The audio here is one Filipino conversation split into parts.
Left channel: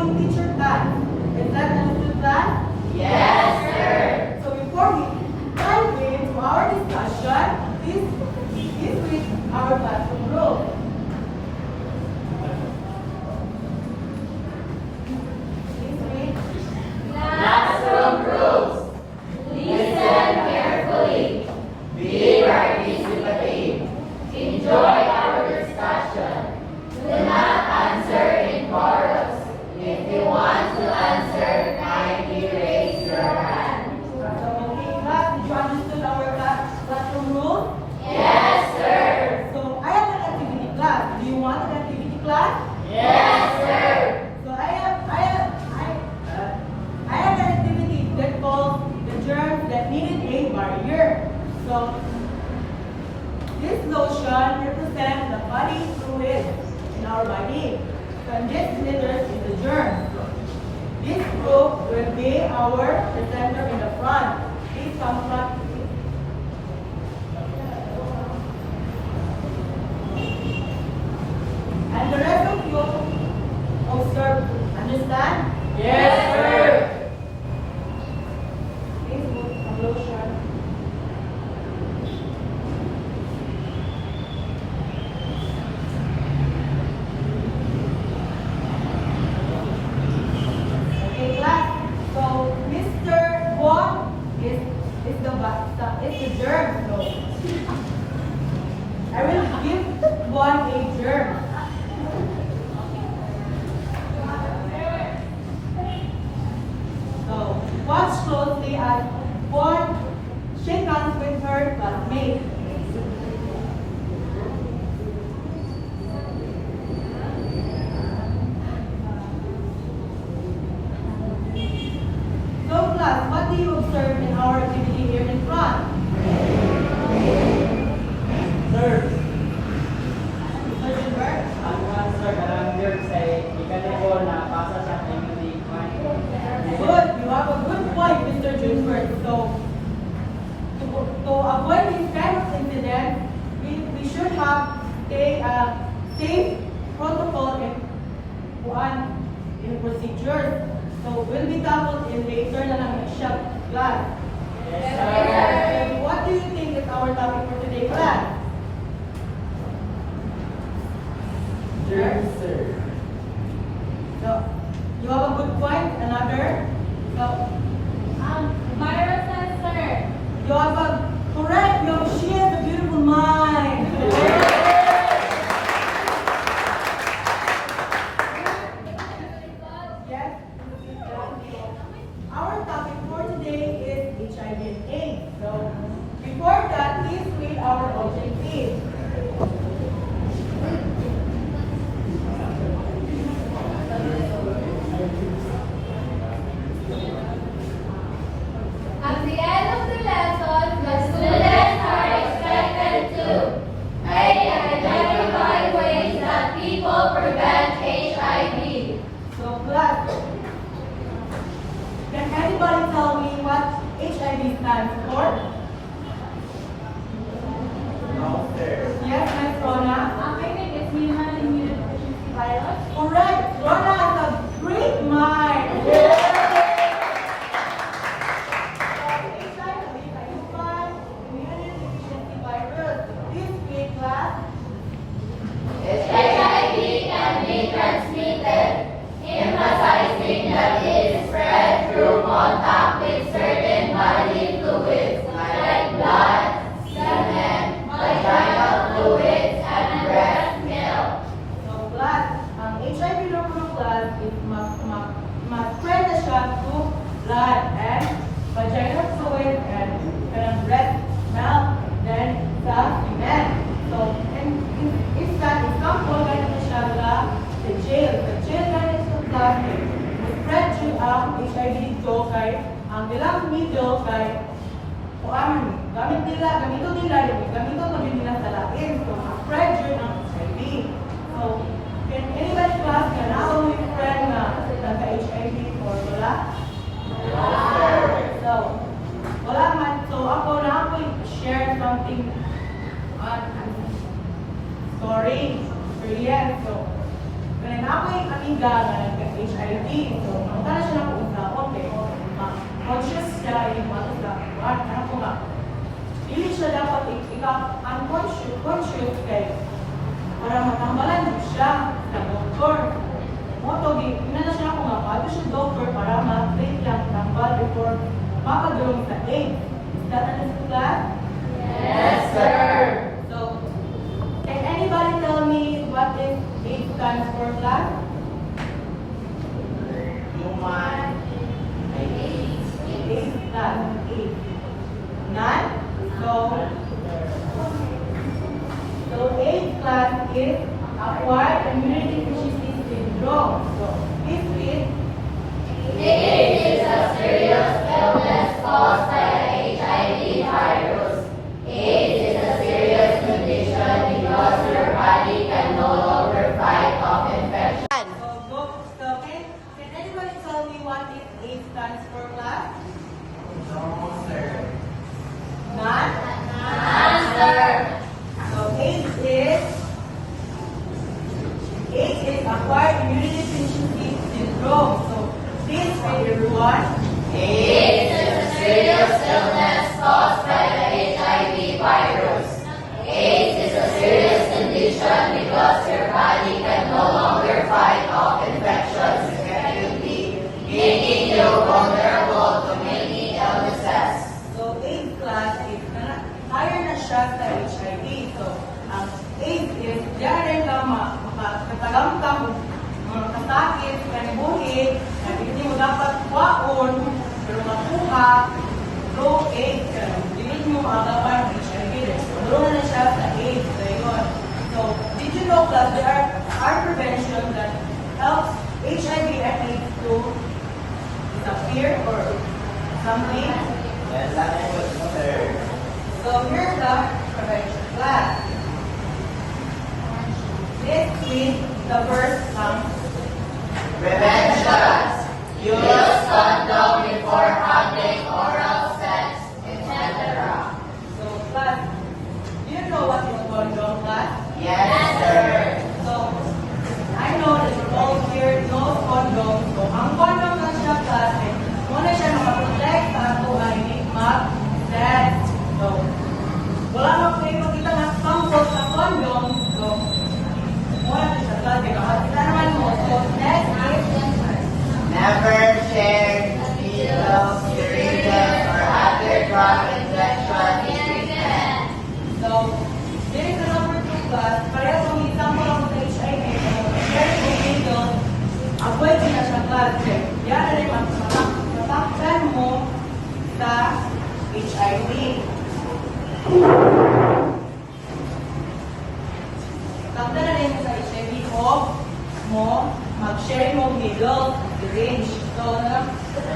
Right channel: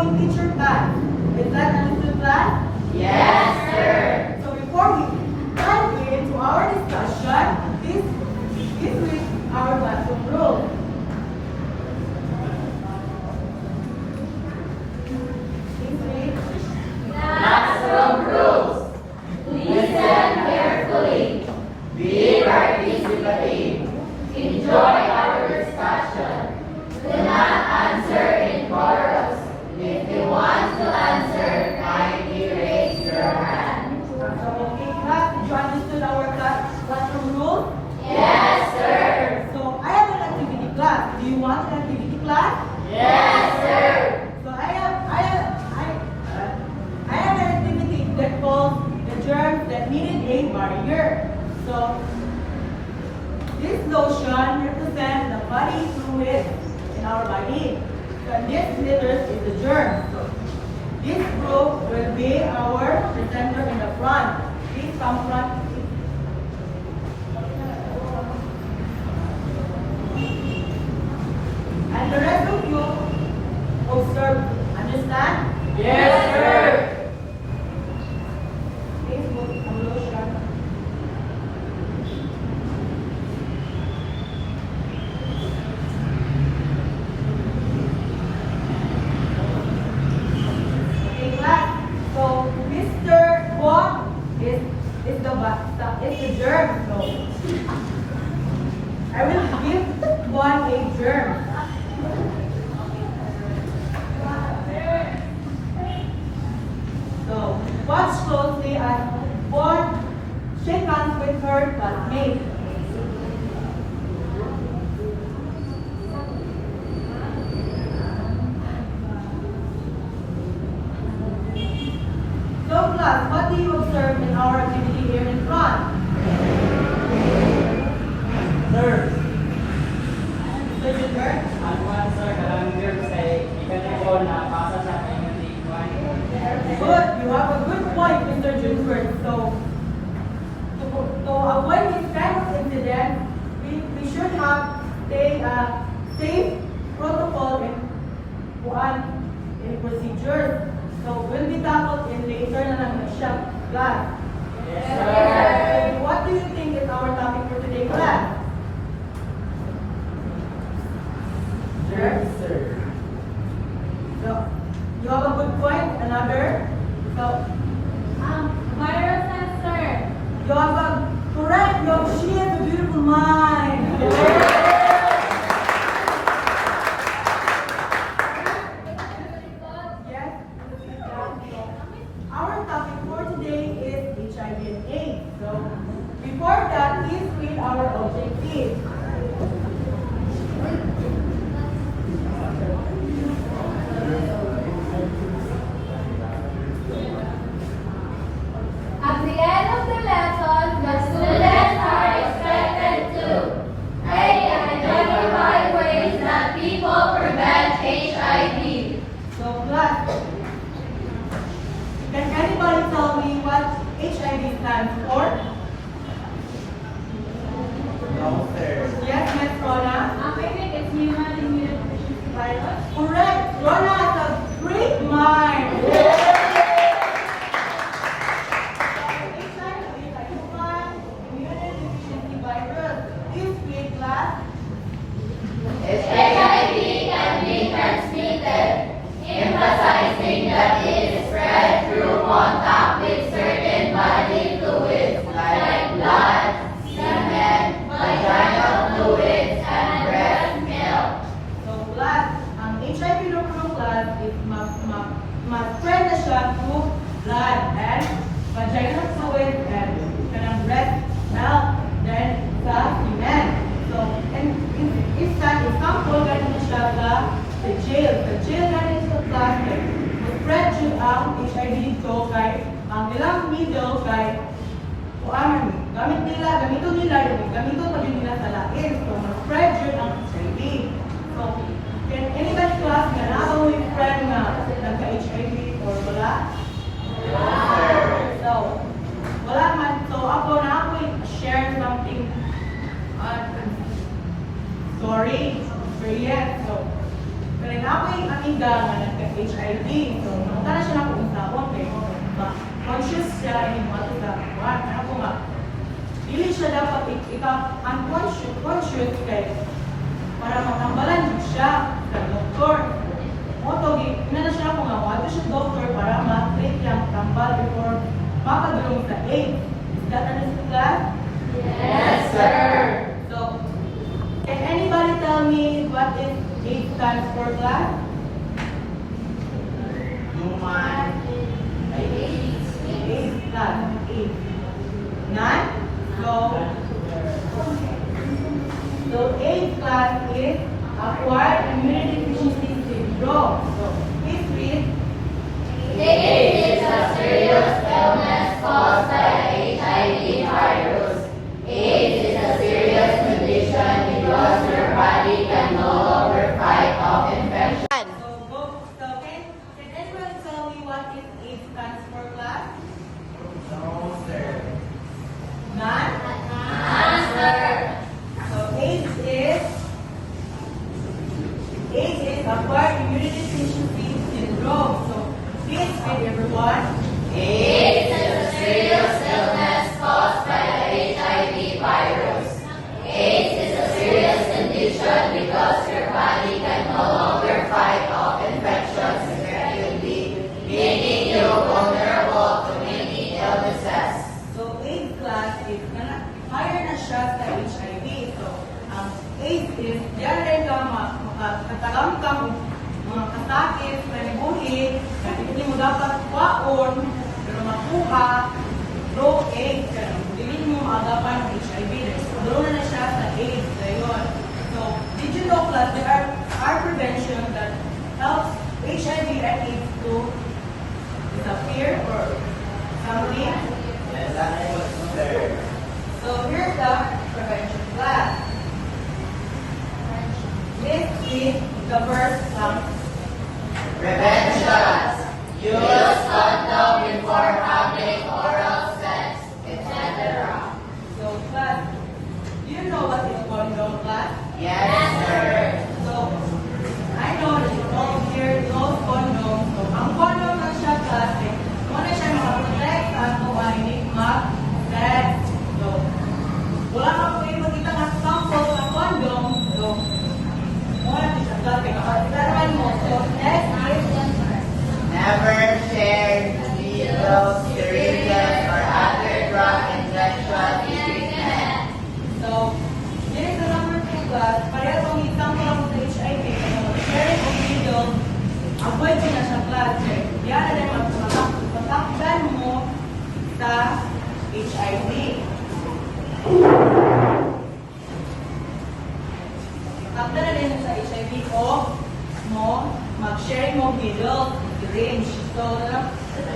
aming teacher class. Is that understood, class? Yes, sir. So before we dive into our discussion, please read our classroom rules. Please read. Classroom rules. Listen carefully. Be participative. Enjoy our discussion. Do not answer in chorus. If you want to answer, kindly raise your hand. So, okay, class, did you understood our classroom rules? Yes, sir. So I have an activity class. Do you want an activity class? Yes, sir. So I have an activity that calls the germs that needed a barrier. So this lotion represents the body fluid in our body. So and this letters is the germ. So this group will be our presenter in the front. Please come front. And the rest of you observe. Understand? Yes, sir. Please put a lotion. Okay, class. So Mr. Bon is the germ. So I will give Bon a germ. So watch closely as Bon shake hands with her classmate. So class, what do you observe in our activity here in front? Sir, So Gilbert? ang kwan sir, kanang girls ay ikanya ko na pasa sa community fund. Good, you have a good point, Mr. Gilbert. So to avoid this kind of incident, we should have safe protocol in procedures. So will be tackled in later na lang siya class. Yes, And what do you think is our topic for today, class? Yes, sir. So you have a good point. Another. So Viruses, sir. you have a correct. She has a beautiful mind. Yes. Our topic for today is HIV and AIDS. So before that, please read our objective. At the end of the lesson, the students are expected to A. Identify ways that people prevent HIV. So class, can anybody tell me what HIV stands for? No, sir. Yes, Miss Rona. I think it's human immunodeficiency virus. Correct. Rona has a great mind. HIV can be transmitted, emphasizing that it is spread through contact with certain bodily fluids like blood, semen, vaginal fluids, and breast milk. So class, ang HIV nuclear class is ma-spread na siya through blood and vaginal fluid and kanang breast milk, then sa semen. So, isa example, ganito siya sa jail. Sa jail namin sa class, ma-spread siya ang HIV dito kay ang ilang needle kay gamito nila, gamito pa din nila sa lain. So, ma-spread siya ang HIV. So, can anybody class ka na mo yung friend na nagka-HIV or wala? So, wala man. So, ako na ako share something sorry, experience. So, kaya na ako yung amiga nga nagka-HIV. So, namunta na siya lang kung taon, kaya conscious siya lang yung mga sa kuwan. Ako nga, dili siya dapat unconscious kay para matambalan siya sa doktor. Motogi, inala siya ako nga, wala siya doktor para ma-treat lang tambal before makadulong sa AIDS. Is that understood, class? Yes, sir. So, can anybody tell me what is AIDS stands for, class? Human AIDS, class, AIDS. None? So AIDS class is acquired immunity deficiency syndrome. So this is AIDS is a serious illness caused by the HIV virus. AIDS is a serious condition because your body can no longer fight off infection. so can anybody tell me what is AIDS stands for, class? None? Answer. So AIDS is acquired immunity deficiency syndrome. So this is everyone. AIDS is a serious illness caused by the HIV virus. AIDS is a serious condition because your body can no longer fight off infections effectively, making you vulnerable to many illnesses. So AIDS class is higher na siya sa HIV. So ang AIDS is diyan ka makatagamtang mga kasakit, kanibuhi, na hindi mo dapat kuwaon, pero makuha, through AIDS, hindi mo maagapan ng HIV. Doon na siya sa AIDS. Dayon. So, did you know, class, there are prevention that helps HIV and AIDS to disappear or something? Yes, sir. So here's the prevention class. This is the first one. Prevention. Use condom before having oral sex, etc. So class, do you know what is condom, class? Yes, sir. So I know that all here knows condom. So ang condom lang siya, class, muna siya makaprotect sa ato ay hindi mag-sex. So wala na kayo makita mas sample sa condom. So wala na siya, class, kaya mo. So next is Never share needles, syringes, or other drug injection treatment. So, there is a number 2 class. Pareho kung example ako sa HIV. So, share the needle. Avoid ko na sa class. Yan na rin matakpan mo sa HIV. Matakpan na rin sa HIV o mo mag-share mo needle, syringe. So,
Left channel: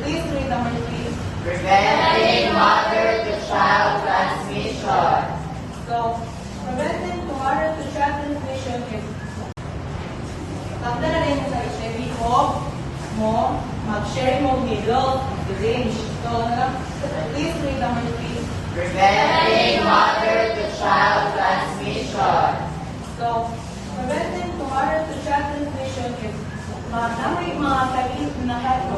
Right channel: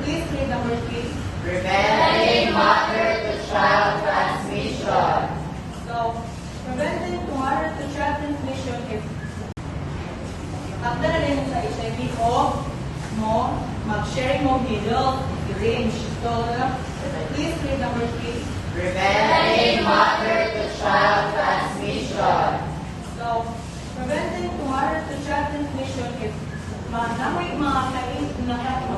please read number 3. Preventing mother-to-child transmission. So, preventing mother-to-child transmission is matanda na rin sa HIV o mo mag-share mo needle, syringe. So, please read number 3. Preventing mother-to-child transmission. So, preventing mother-to-child transmission is namoy mga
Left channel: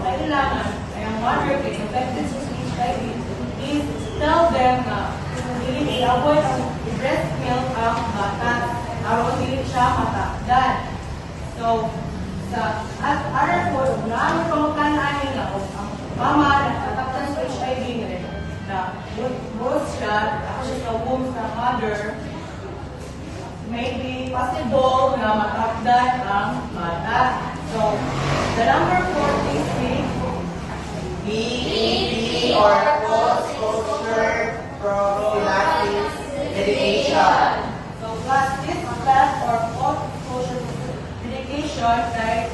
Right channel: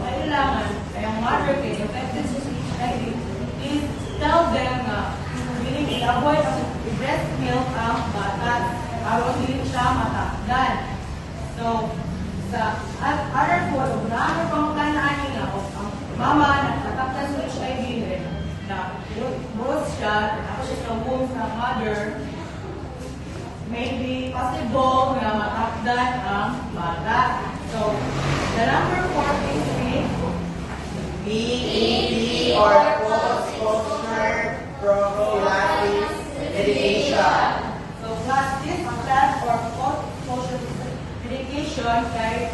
kailangan ay ang mother kay infected sa HIV. Please tell them na hindi i-avoid ang breast milk ang bata araw hindi siya matakdan. So, sa other food, naamang pangkanaan nga o ang mama na tatakdan sa HIV rin na both siya, tapos siya sa womb sa mother, may be possible na matakdan ang bata. So, the number 4 is BEP or post-exposure prophylaxis medication. So, class this class or post-exposure medication kay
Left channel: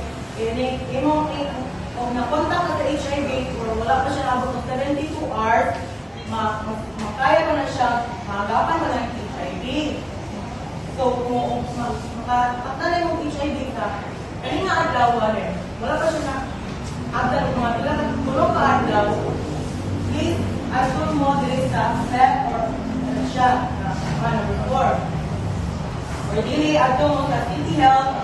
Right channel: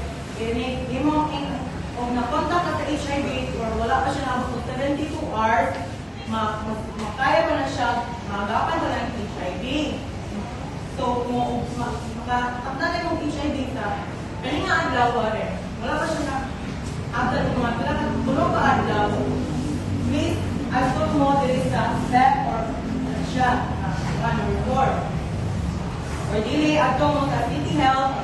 kung nakontak ka sa HIV or wala pa siya nabot ng 72 hours, makaya pa na siya, maagapan mo lang yung HIV. So, kung makatakdan mo HIV ka, kanina adlaw rin, wala pa siya na agad mga talagang tulog ka adlaw, please, asot mo din sa PEP or shot na number 4. Or dili, ato mo sa City Health,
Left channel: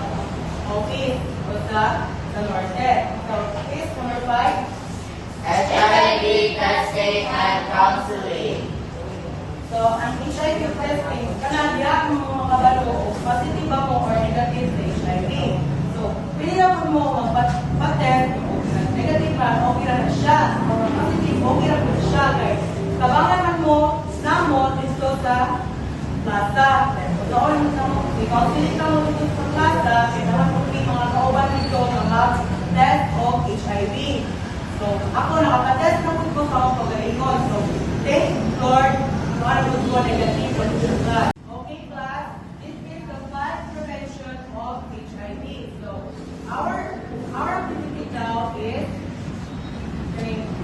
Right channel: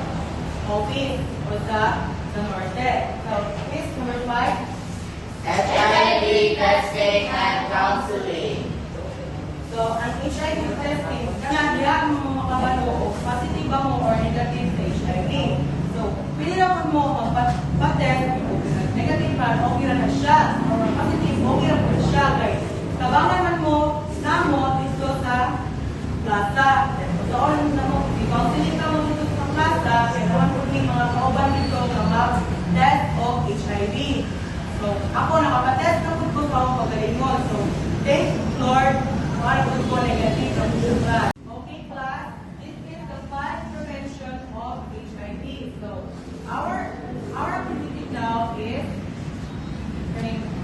office, or o sa norte. So, is number 5. HIV testing and counseling. So, ang HIV testing, kanang diya ang makabalo o positive ba mo or negative sa HIV. So, pwede na po mo magpa-test kung negative ba, okay na siya. Kung positive, okay na po siya, guys. Kabangan man mo, na mo, dito sa plaza. So, orin na mo, i-counseling ka mo dito sa plaza, kaya naman po yung mga kauban dito na mag-test of HIV. So, ako nakapatest na po ko sa akong pagalingon. So, thank Lord, para po ko negative ng class. Okay, class, this is the class prevention of HIV. So, our activity now is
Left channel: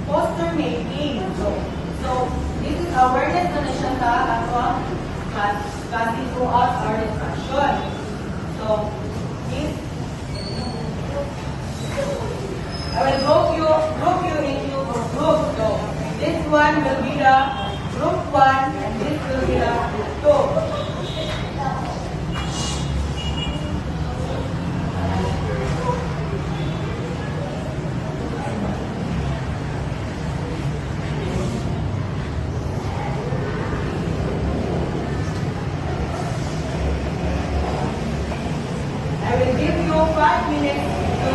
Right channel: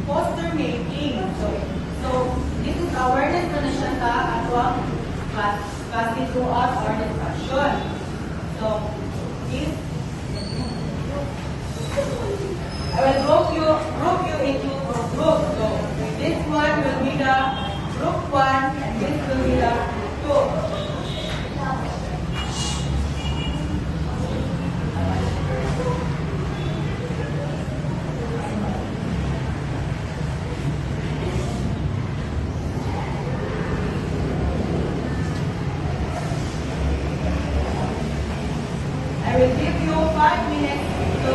poster making. So this is awareness na siya sa atwang kasi throughout our discussion. So, this I will group you into two groups. So, this one will be the group 1 and this will be the group 2. I will give you 5 minutes to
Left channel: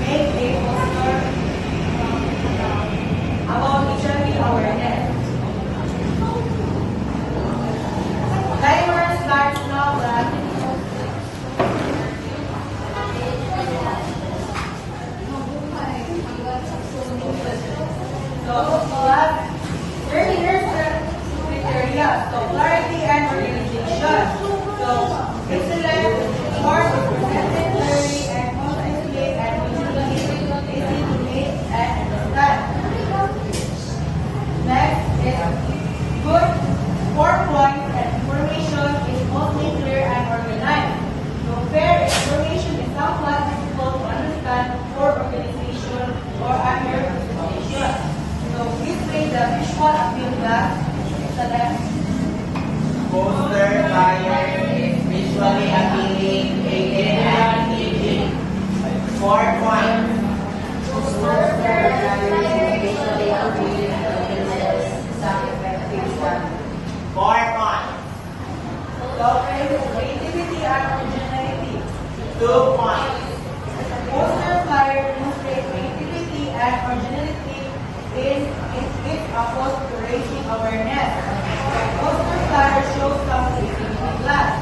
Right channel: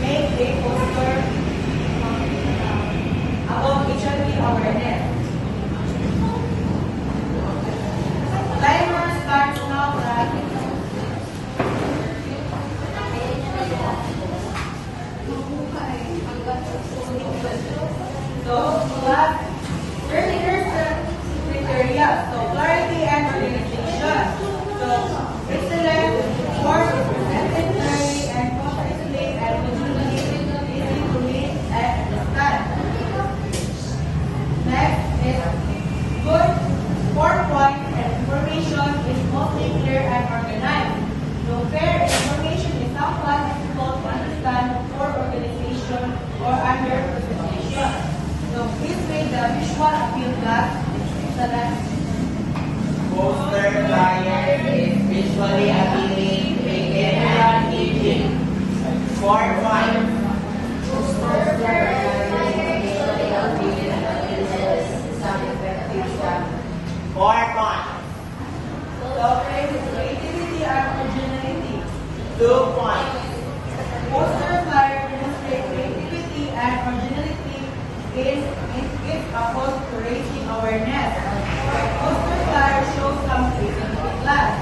make a poster about HIV awareness. Timer starts now, right? So, class, here's the criteria. So, clarity and organization. So, excellent, short, presented clearly, and completely, and easy to read and understand. Next is good 4 points and information is mostly clear and organized. So, fair information is somewhat difficult to understand for organization or under presentation. So, this way the visual appeal class select Poster flyer is visually appealing, creative, and engaging. 4 points. Poster flyer is visually appealing, creative, some effective stuff. 4 points. So, creativity and originality. 2 points. Poster flyer demonstrates creativity and originality is opposed to raising awareness. So, poster flyer shows some creativity class.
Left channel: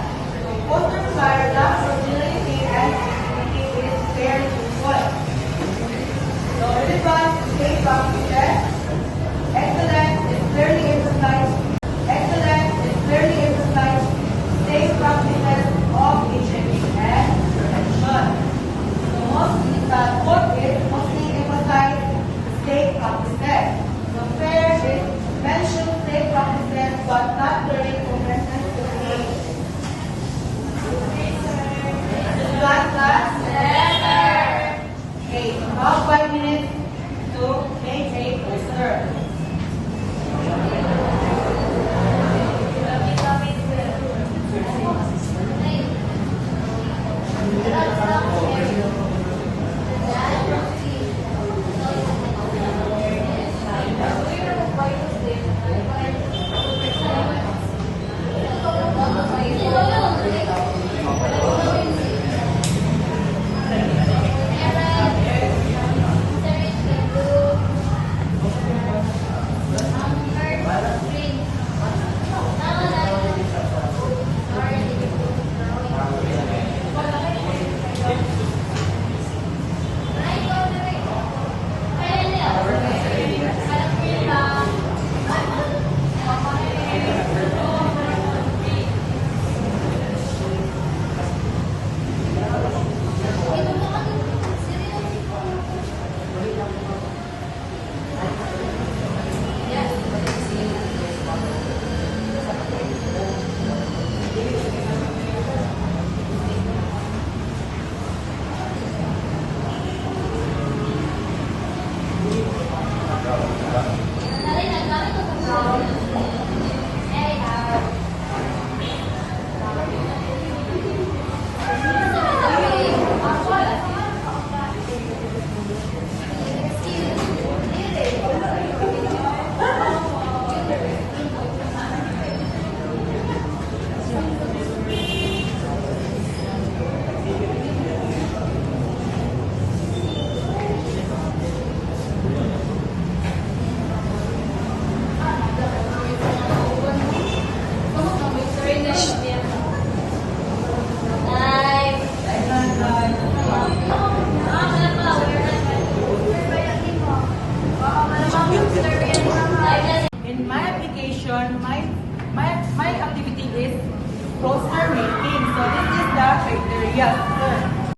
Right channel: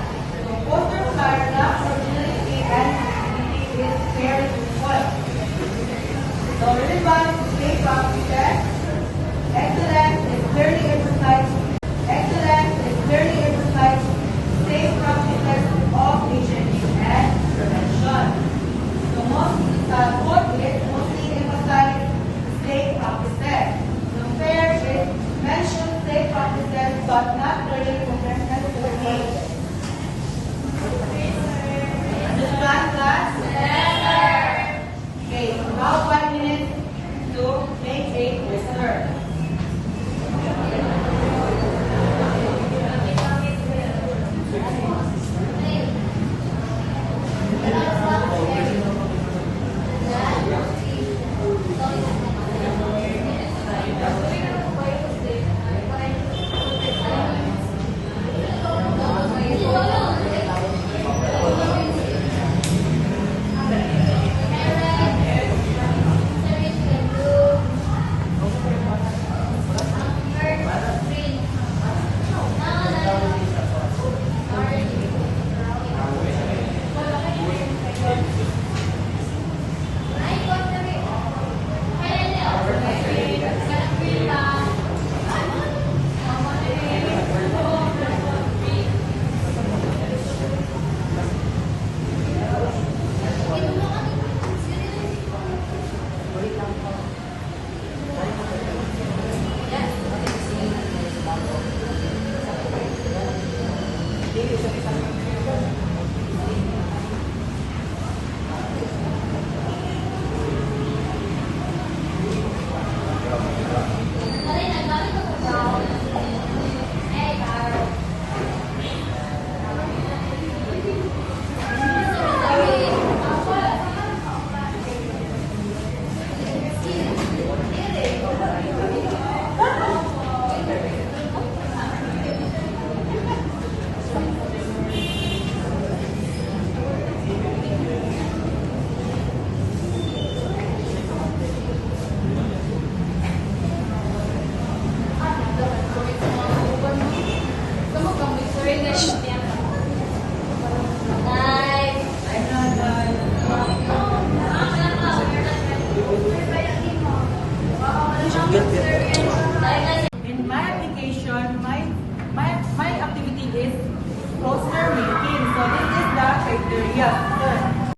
So, poster flyer lacks originality and creativity is fairly equal. So, relevant state practices. Excellence is clearly emphasized. Excellence is clearly emphasized. State practices of HIV and prevention. So, what is mostly emphasized state practices. The fair is mentioned state in my application, my activity is poster making. So this is the criteria. Sir.